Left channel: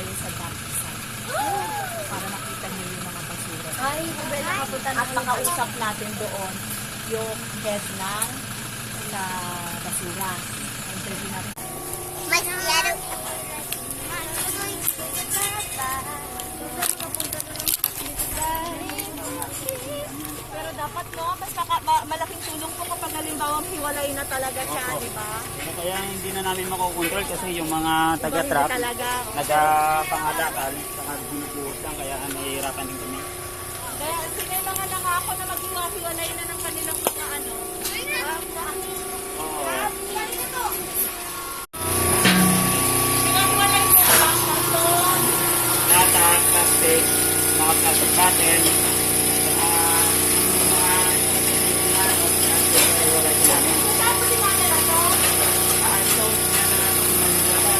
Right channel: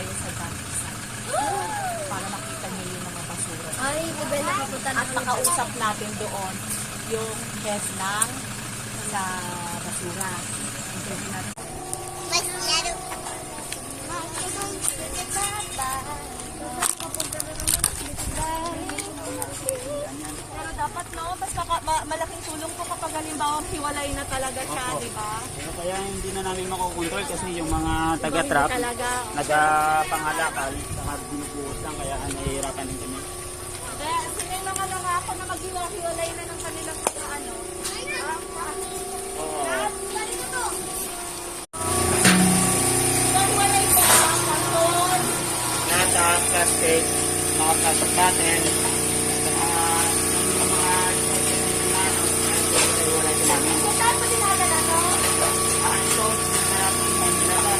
tayo sa dump site. Para makita niyo yung mga basura. Ay, Bebel, nakapunta na At nakausap natin doon yung head ng sa basura. Interview natin. Mas yaro. Pero dapat no, basta malaking tulong po kapag halimbawa hiwalay na talaga siya, Opo. di ba? Pero kaya hindi na namin makokontrol kasi yung mga taga-trap Talaga. nagpangalakal sa binubuhos lang kaya nahihirapan din kami. Kaya sino yung mga nangako na maghiwalay na ng kanilang mga ano? Hiwalay na lang ang Lata, plastic, mga plastic bottle, yung mga wala din namin. tapos sinadala to. So, manilala.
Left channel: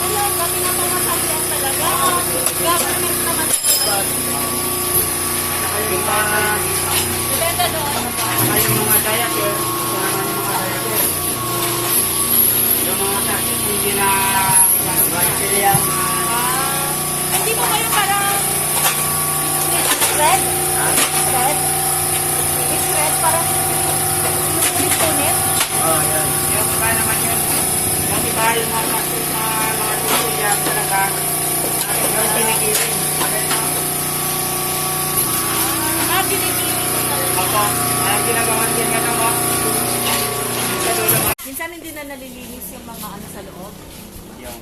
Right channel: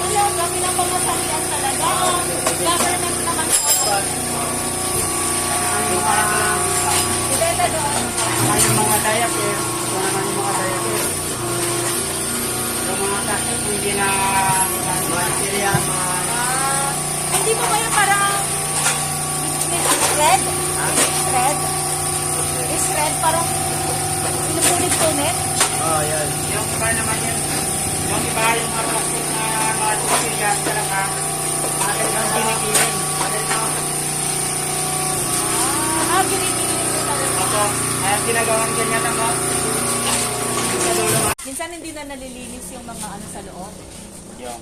Wala, kami na mga sasyan talaga. Government naman ito. Depende doon. Yung mga diaper, yung mga takip, hindi na bacteria, Hindi mo kayo parang red? Red? Is red parang sinusulit-sulit? yung iba naman yun, yung iba yung mga takip na bacteria talaga, yung ginigiling. Ginigiling mo talaga. Opo, kaya ginagawan din na ako. Minsan hindi na nalilinis yung mga ano sa loob. Yung,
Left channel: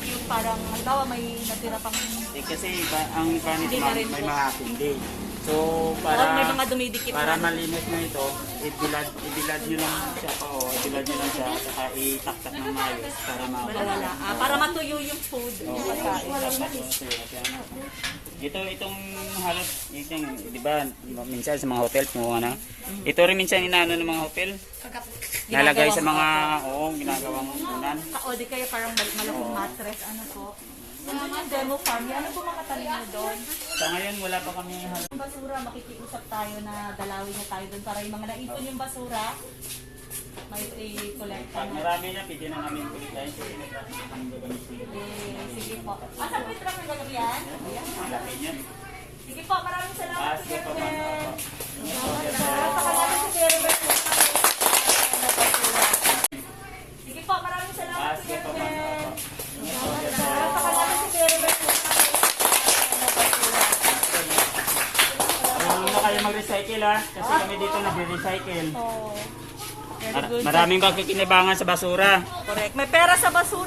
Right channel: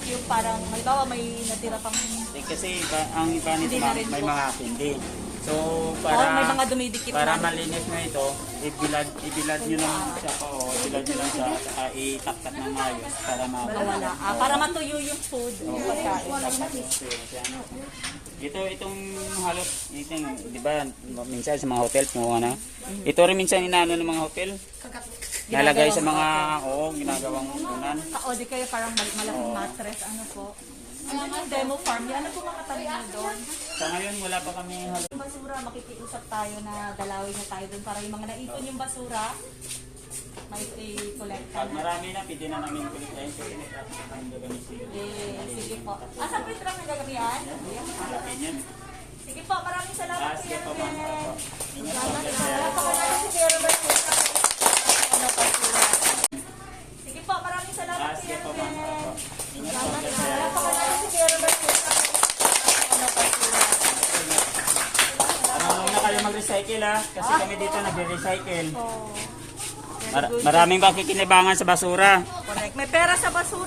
Yung parang, halimbawa may natira pang kasi ang iba nito Hindi na rin may po. mga tindi. So, parang may mga dumidikit para na. malinis mo ito, ibilad nyo lang siya, ibilad nyo lang siya, at itaktak ng maayos para Wala. Para matuyo yung food. Itong halos, di ba, minsan sa mga hotel, ano, ito rin minsan inaano ng mga hotel, nalagay sa mga, ginagawang unan. O di kayo parang malaking mattress, ano po. Yung demo farm, ano po mga tanim nyo doon? Sa ngayon, wala pa kami halos. Yung basura, makikiusap tayo na dalawin niya tayo doon para yung mga naipon yung basura, may i-collect Pag na. marami na, pwede na namin kulit tayo sa Sige po. Asan po yung truck na gagawin? Sige po, maraming salamat Sige Kuya po, ma'am. Ruben. Opo. Napakalaga si Kuya Ruben. Sige po, maraming salamat Sige Kuya po, ma'am. Ruben. Opo. Napakalaga si Kuya Ruben. Marunong na kayo mag-recycle kasi kami dito nag-recycle. Oh, Maraming kakikinabangan sa basura. correct. May pera sa basura.